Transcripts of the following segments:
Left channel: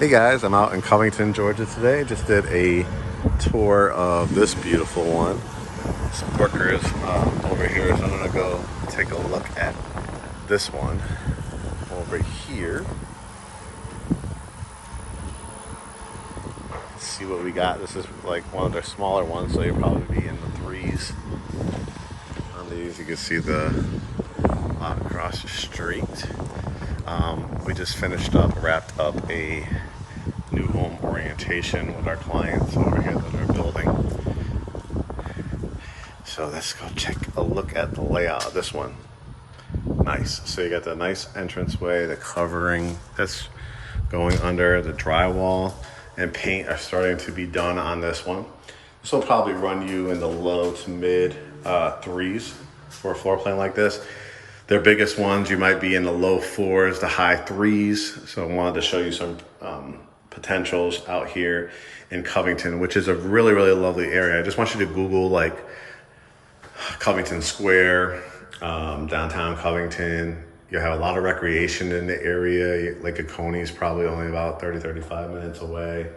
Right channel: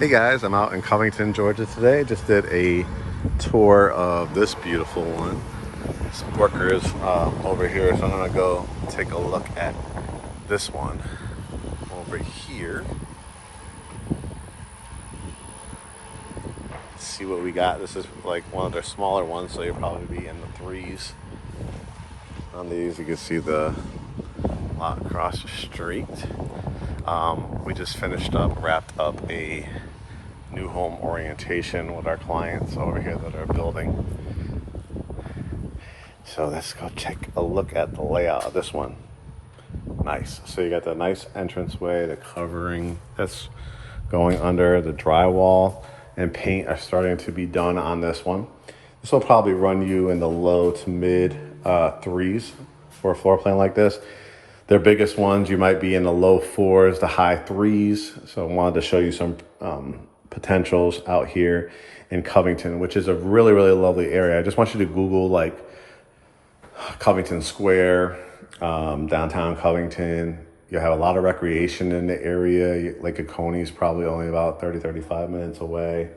Hey guys, I'm out in Covington, Georgia today. Just did a tour of this beautiful one. This worker is over here, so I'm gonna go take a look at this one over here. See what we got. This is like one of their smaller ones, so you'll probably be in the threes on these. You can see the lot across the street. We just wrapped up a new home orientation with our clients over here that they're building. So let's go take a look at the layout of this one. Nice. So you got the nice entranceway, the covering that's going under, the drywall and paint are starting to be done on this one. This will probably run you in the low to mid threes for a floor plan like this. Their biggest ones, you might be in the low fours, the high threes. So I wanted to show you some potentials out here in Covington, which is a really, really lovely area. I just want you to Google like Covington Square, downtown Covington. You have a lot of recreation in the area. Lake Oconee is probably only about 35 minutes away.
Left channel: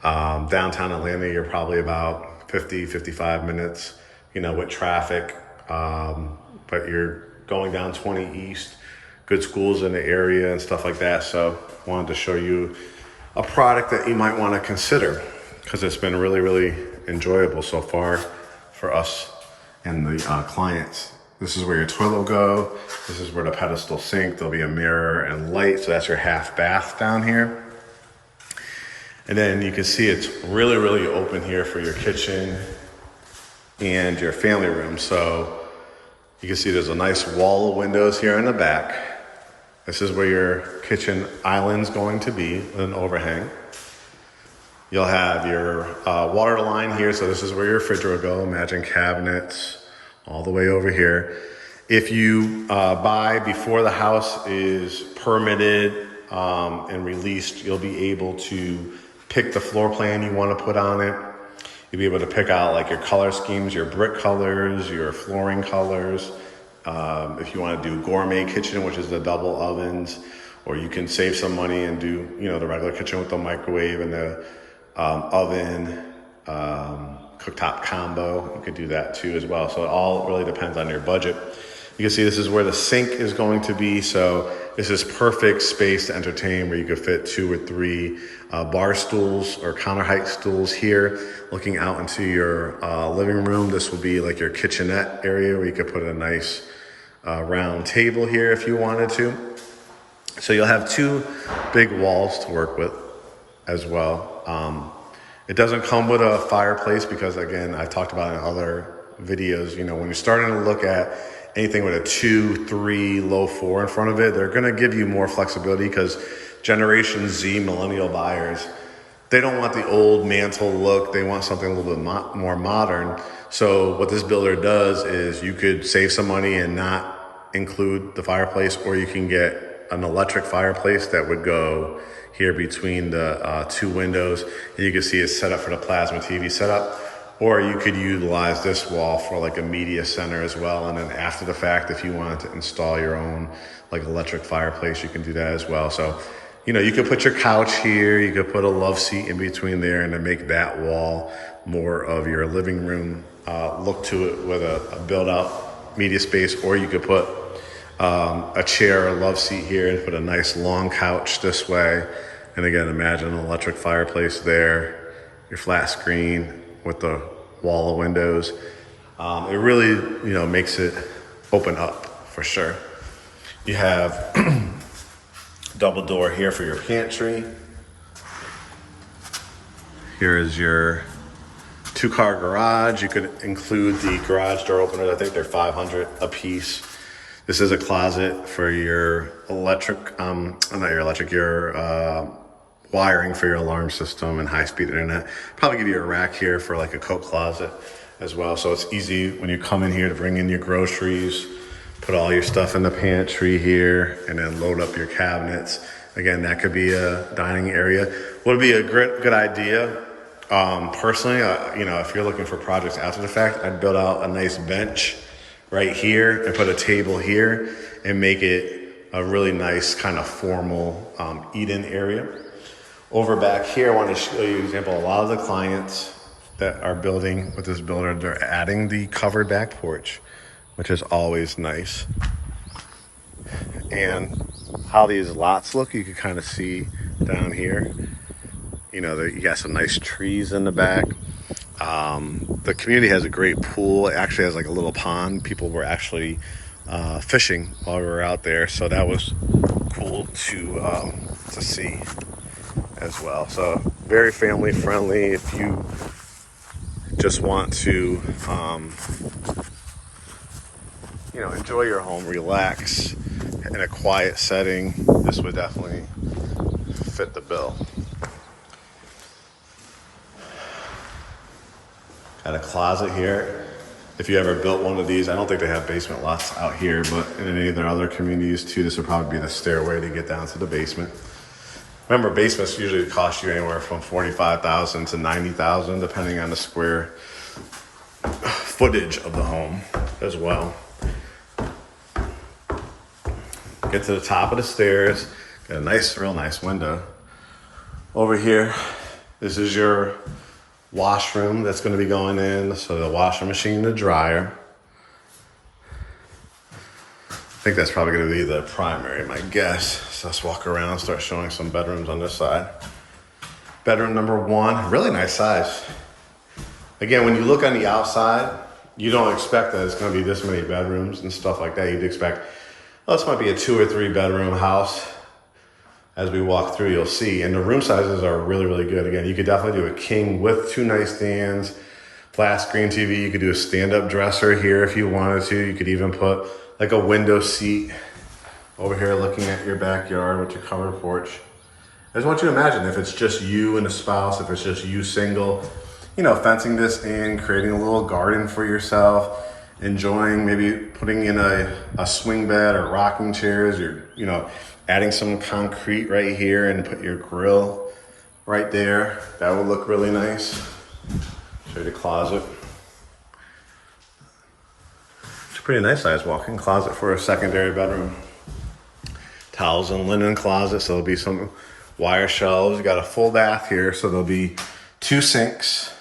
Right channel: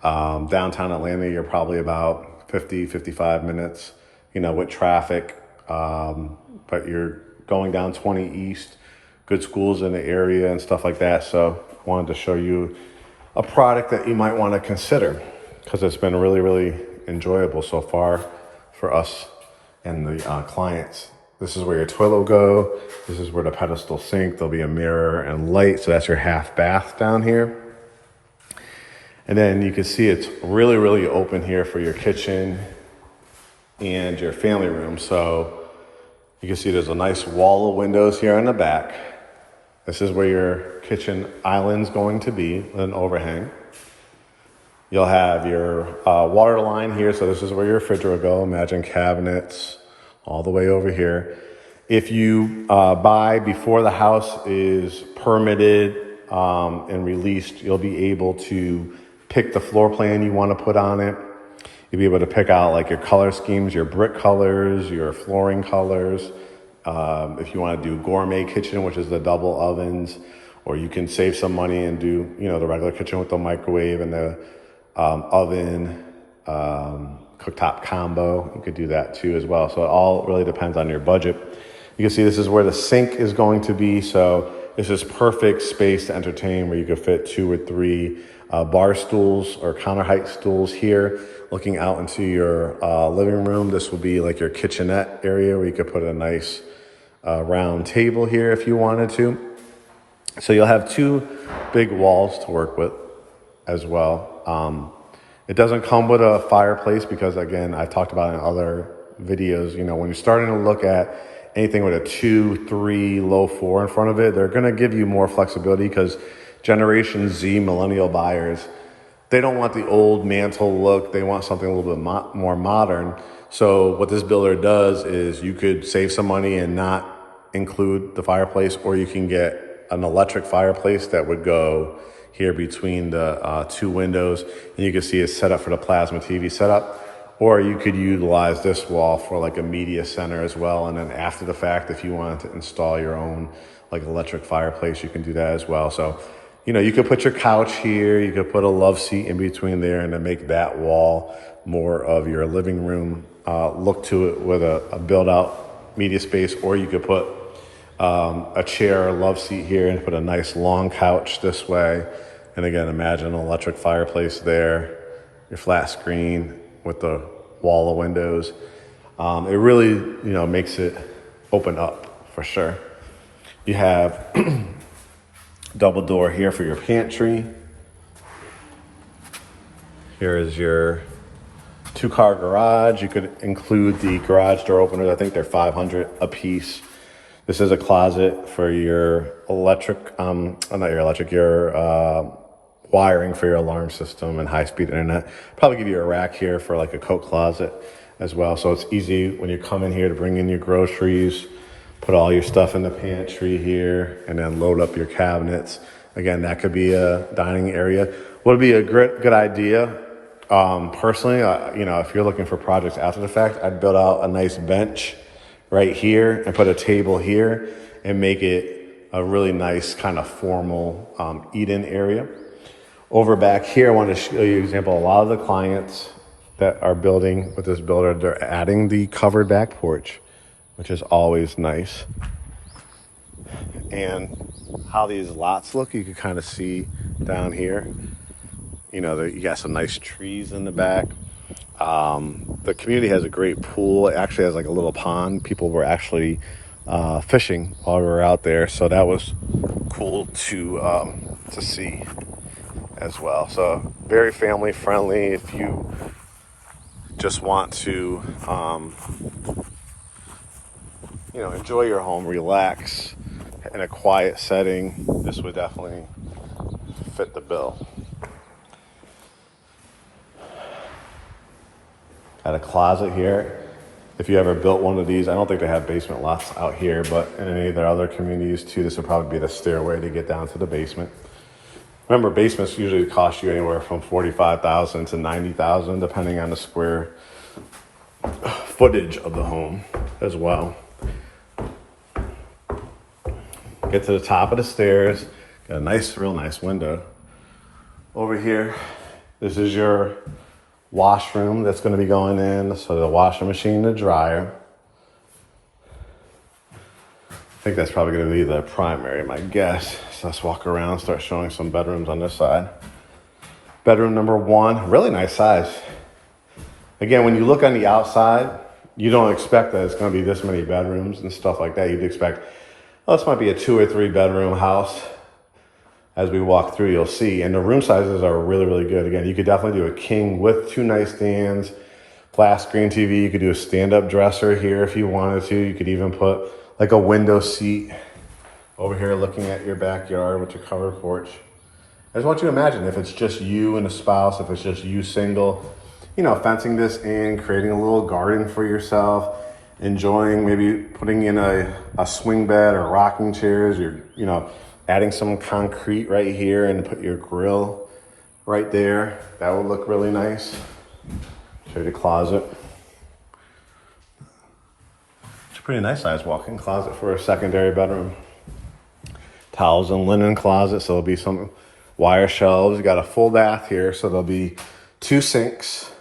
Downtown Atlanta, you're probably about 55 minutes, with traffic. But you're going down 20 East, good schools in the area and stuff like that. So I wanted to show you a product that you might want to consider because it's been really, really enjoyable so far for us and the clients. This is where your toilet will go. This is where the pedestal sink. There'll be a mirror and light. So that's your half bath down here. And then you can see it's really, really open here for your kitchen and your family room. So you can see there's a nice wall of windows here in the back. This is where your kitchen island's going to be with an overhang. You'll have your water line here. So this is where your refrigerator will go. Imagine cabinets all the way over here. If you buy before the house is permitted and released, you'll be able to pick the floor plan you want to put on it. You'll be able to pick out like your color schemes, your brick colors, your flooring colors. If you want to do gourmet kitchen, which is the double ovens, or you can save some money and do, the regular kitchen with the microwave and the oven, cooktop combo. You could do that too as well. So it all really depends on your budget. You can see this is where the sink is going to be. So this is perfect space to entertain where you could fit 2 or 3 bar stools or counter height stools here. Looking out into your living room, this will be like your kitchenette area where you could put a nice round table here if you wanted to. So you'll have 2 big walls to work with as well. It doesn't come with a fireplace because, again, I talked about in other videos, when you're starting to look at anything with a 2, 3, low 4 in front of it, they're going to give you more flexibility because Generation Z millennial buyers, they don't want the old mantle look. They want something a little bit more modern. So what this builder does is you could save some money and not include the fireplace, or you can get an electric fireplace that would go here between the 2 windows. And you can see it's set up for the plasma TV setup. Or you could utilize this wall for like a media center as well. And then after the fact, if you wanted to install your own like electric fireplace, you can do that as well. So, you could put your couch here, you could put a love seat in between there and then make that wall more of your living room look to it with a built out media space. Or you could put a chair, a love seat here and put a nice long couch this way. And again, imagine an electric fireplace there, your flat screen with the wall of windows. It really, makes it open up for sure. You have double door here for your pantry. Here is your 2-car garage. You could include the garage door openers. I think they're $500 a piece. This is a closet for your your wiring for your alarm system and high-speed internet. Probably give you a rack here for like a coat closet as well. So it's easy when you come in here to bring in your groceries, put all your stuff in the pantry here, and then load up your cabinets. Again, that could be a dining area. Would be a good idea. Personally, if you're looking for projects after the fact, I'd build out a nice bench right here and put a table here and make it a really nice kind of formal eat-in area. Over back here, I want to show you an example. A lot of the clients that are building with this builder, they're adding the covered back porch, which is always nice. And how these lots look, you can kind of see down here. You know, you got some nice trees in the back. The community has a great pool. It actually has like a little pond. People were actually fishing while we were out there, so that was cool to see as well. So very family friendly. If you just want to, you know, enjoy your home, relax in a quiet setting, this would definitely fit the bill. Got a closet here. If you ever built one of these, I don't think they have basement lots out here, but in any of their other communities too, this would probably be the stairway to get down to the basement. Remember, basements usually cost you anywhere from $45,000 to $90,000, depending on the square footage of the home as well. Get to the top of the stairs. Got a nice, real nice window. Over here, this is your washroom that's going to be going in. So the washing machine, the dryer. I think that's probably going to be the primary, my guess. So let's walk around, start showing some bedrooms on this side. Bedroom number one, really nice size. Again, when you look on the outside, you don't expect that it's going to be this many bedrooms and stuff like that. You'd expect, oh, this might be a 2 or 3 bedroom house. As we walk through, you'll see. And the room sizes are really, really good. Again, you could definitely do a king with 2 nightstands, flat screen TV. You could do a stand-up dresser here if you wanted to. You could even put like a window seat over here looking at your backyard with your covered porch. I just want you to imagine if it's just you and a spouse, if it's just you single, you know, fencing this in, creating a little garden for yourself, enjoying maybe putting in a swing bed or rocking chairs, you know, adding some concrete right here and put your grill right there. That would look really nice. Show you the closet. It's a pretty nice size walk-in closet for a secondary bedroom. Towels and linen closet, so there'll be some wire shelves. You got a full bath here, so there'll be 2 sinks.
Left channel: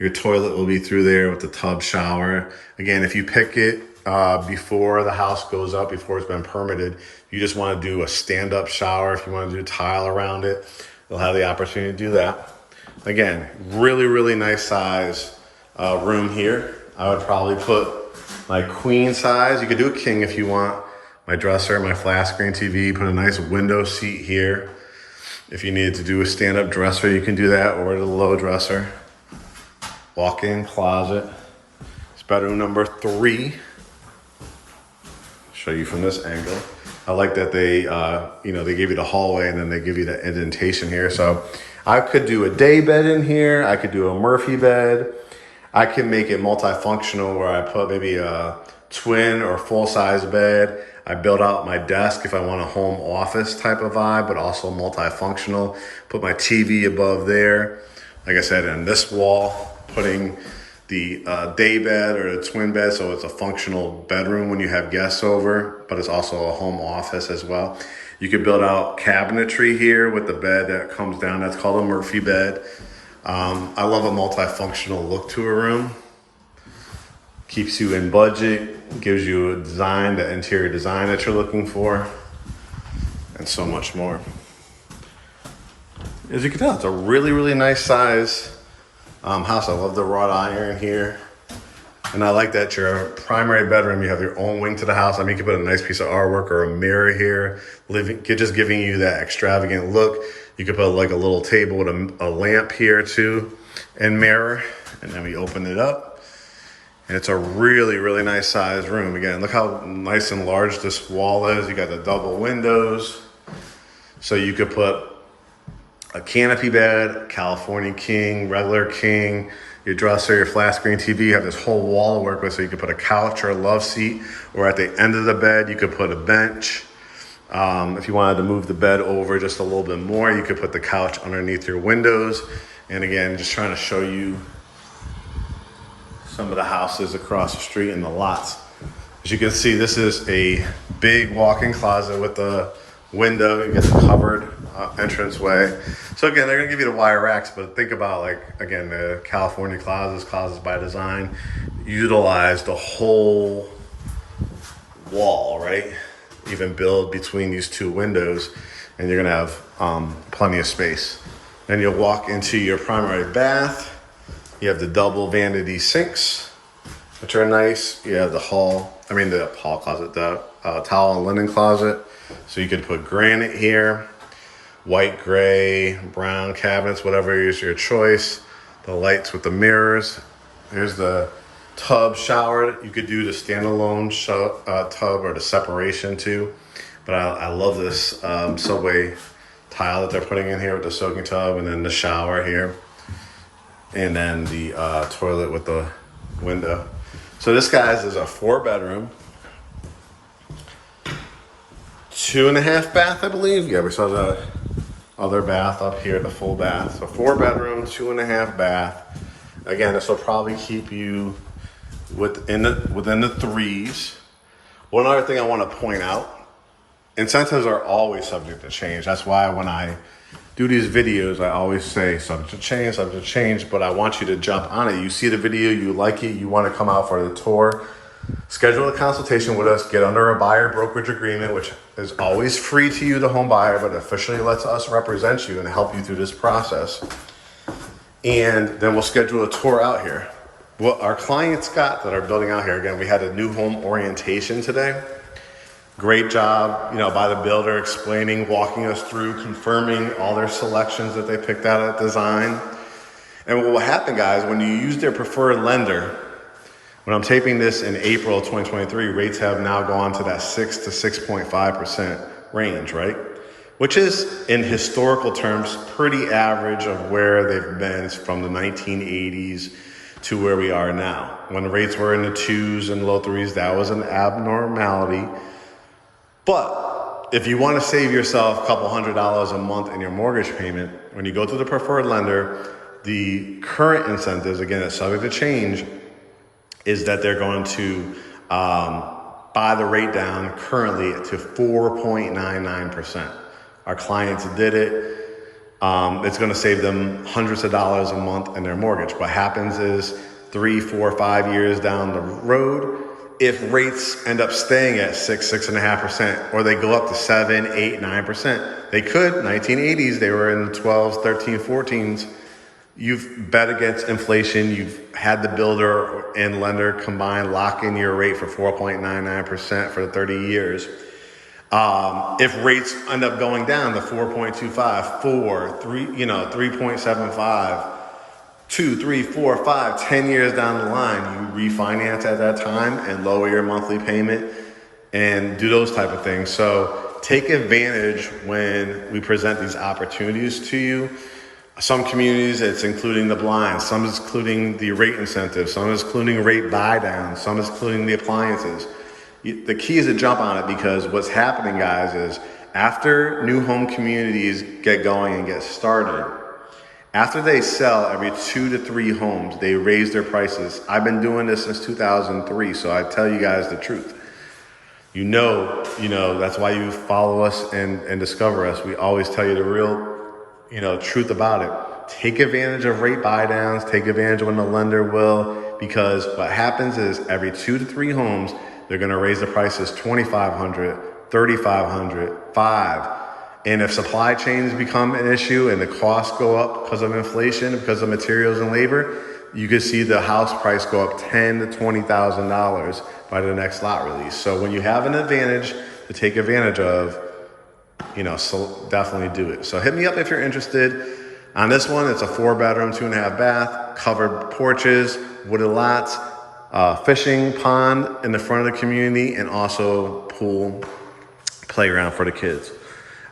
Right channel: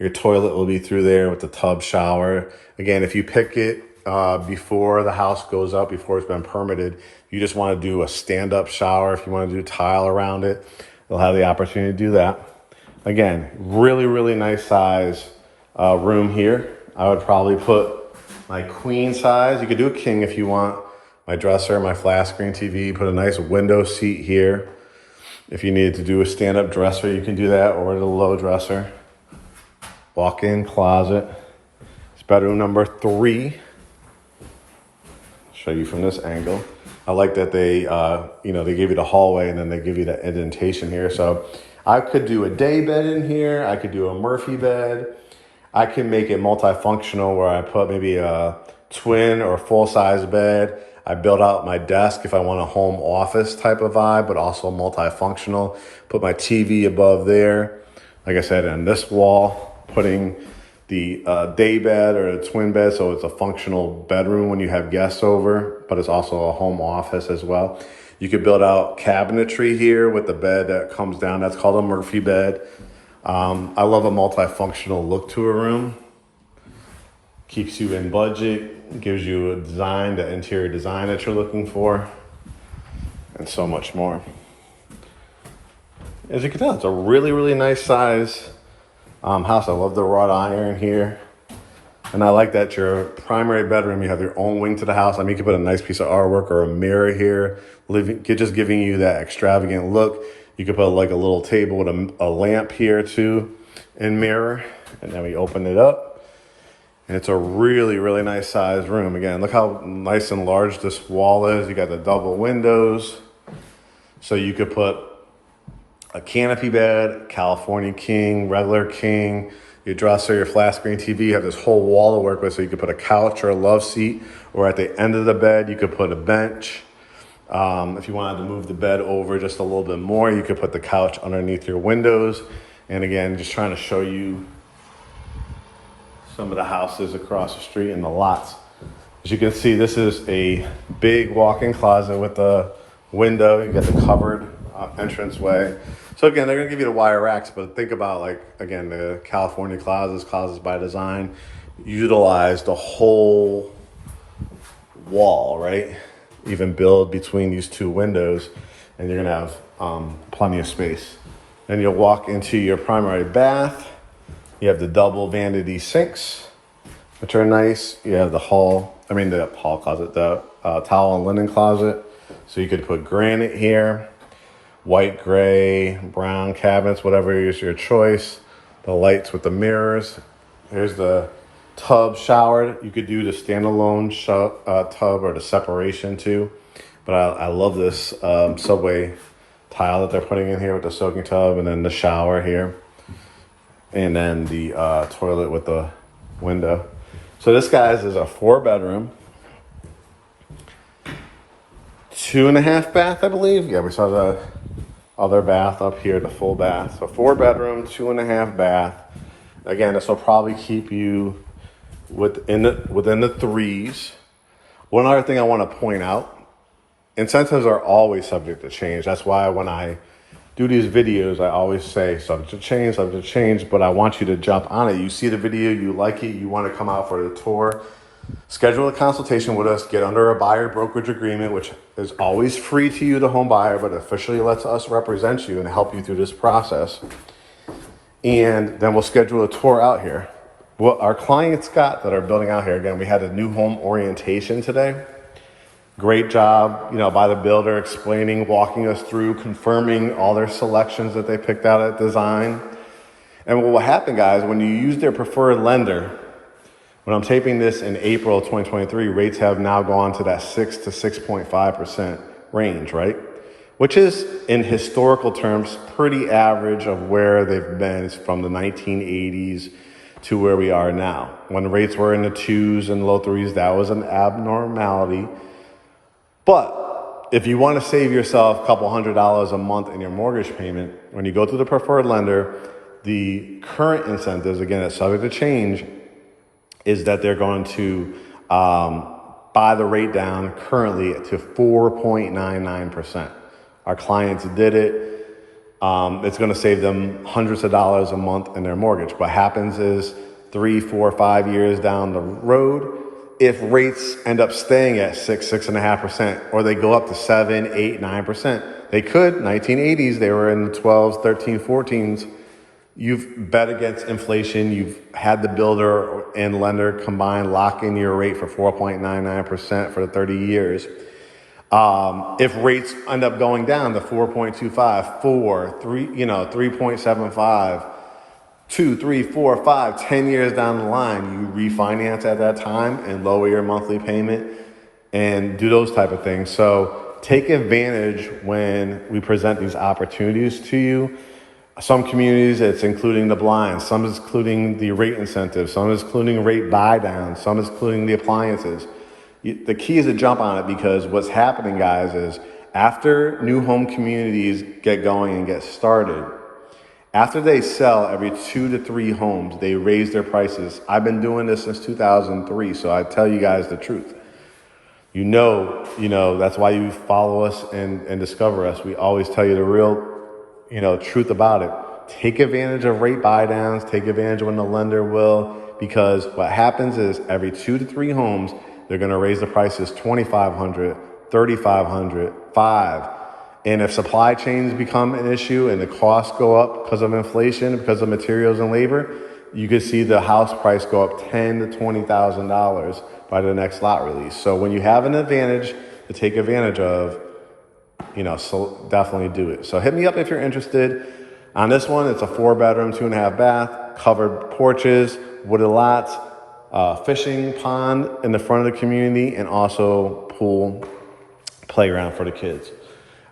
Your toilet will be through there with the tub shower. Again, if you pick it before the house goes up, before it's been permitted, you just want to do a stand-up shower. If you want to do tile around it, you'll have the opportunity to do that. Again, really, really nice size room here. I would probably put my queen size. You could do a king if you want. My dresser, my flat screen TV, put a nice window seat here. If you needed to do a stand-up dresser, you can do that, or the low dresser. Walk-in closet. It's bedroom number 3. Show you from this angle. I like that they, you know, they give you the hallway and then they give you the indentation here. So I could do a day bed in here. I could do a Murphy bed. I can make it multifunctional where I put maybe a twin or full-size bed. I build out my desk if I want a home office type of vibe, but also multifunctional. Put my TV above there. Like I said, on this wall, putting the day bed or the twin bed, so it's a functional bedroom when you have guests over, but it's also a home office as well. You could build out cabinetry here with the bed that comes down. That's called a Murphy bed. I love a multifunctional look to a room. Keeps you in budget, gives you a design, the interior design that you're looking for, and so much more. As you can tell, it's a really, really nice size house. I love the wrought iron here. And I like that your primary bedroom, you have your own wing to the house. I mean, you can put a nice piece of artwork or a mirror here, just giving you that extravagant look. You could put like a little table with a lamp here too, and mirror. And then we open it up. And it's a really, really nice sized room. Again, look how nice and large this wall is. You got the double windows. So you could put a canopy bed, California king, regular king, your dresser, your flat screen TV. You have this whole wall to work with. So you could put a couch or a love seat, or at the end of the bed, you could put a bench. If you wanted to move the bed over just a little bit more, you could put the couch underneath your windows. And again, just trying to show you some of the houses across the street and the lots. As you can see, this is a big walk-in closet with a window. You get the covered entranceway. So again, they're gonna give you the wire racks, but think about, like, again, the California closets by design, utilize the whole wall, right? Even build between these two windows, and you're gonna have plenty of space. Then you'll walk into your primary bath. You have the double vanity sinks, which are nice. You have the hall closet, the towel and linen closet. So you could put granite here, white, gray, brown cabinets, whatever is your choice. The lights with the mirrors. Here's the tub shower. You could do the standalone tub or the separation too. But I love this subway tile that they're putting in here with the soaking tub, and then the shower here. And then the toilet with the window. So this, guys, is a 4-bedroom, 2.5 bath, I believe. Yeah, we saw the other bath up here, the full bath. So 4-bedroom, 2.5 bath. Again, this will probably keep you within the threes. One other thing I want to point out, incentives are always subject to change. That's why when I do these videos, I always say subject to change, but I want you to jump on it. You see the video, you like it, you want to come out for the tour, schedule a consultation with us, get under a buyer brokerage agreement, which is always free to you, the home buyer, but officially lets us represent you and help you through this process. And then we'll schedule a tour out here. What our clients got that are building out here, again, we had a new home orientation today. Great job, by the builder, explaining, walking us through, confirming all their selections that they picked out at design. And what will happen, guys, when you use their preferred lender, when I'm taping this in April 2023, rates have now gone to that 6 to 6.5% range, right? Which is, in historical terms, pretty average of where they've been from the 1980s to where we are now. When rates were in the 2s and low 3s, that was an abnormality. But if you want to save yourself a couple $100 a month in your mortgage payment, when you go to the preferred lender, the current incentives, again, it's subject to change, is that they're going to buy the rate down currently to 4.99%. Our clients did it. It's going to save them hundreds of dollars a month in their mortgage. What happens is 3, 4, 5 years down the road, if rates end up staying at 6.5%, or they go up to 7, 8, 9%, they could. 1980s, they were in the 12s, 13, 14s. You've bet against inflation. You've had the builder and lender combined lock in your rate for 4.99% for 30 years. If rates end up going down to 4.25, 4, 3, 3.75, 2, 3, 4, 5, 10 years down the line, you refinance at that time and lower your monthly payment and do those type of things. So take advantage when we present these opportunities to you. Some communities, it's including the blinds. Some is including the rate incentive. Some is including rate buy down. Some is including the appliances. The key is to jump on it, because what's happening, guys, is after new home communities get going and get started, after they sell every 2 to 3 homes, they raise their prices. I've been doing this since 2003, so I tell you guys the truth. That's why you follow us and discover us. We always tell you the real, truth about it. Take advantage of rate buy downs. Take advantage when the lender will, because what happens is every 2 to 3 homes, they're going to raise the prices $2,500, $3,500, $5,000. And if supply chains become an issue and the costs go up because of inflation, because of materials and labor, you could see the house price go up $10,000 to $20,000 by the next lot release. So when you have an advantage to take advantage of, so definitely do it. So hit me up if you're interested. On this one, it's a 4-bedroom, 2.5 bath, covered porches, wooded lots, fishing pond in the front of the community, and also pool, playground for the kids.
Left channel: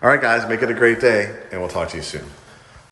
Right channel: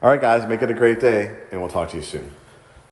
All right, guys, make it a great day, and we'll talk to you soon.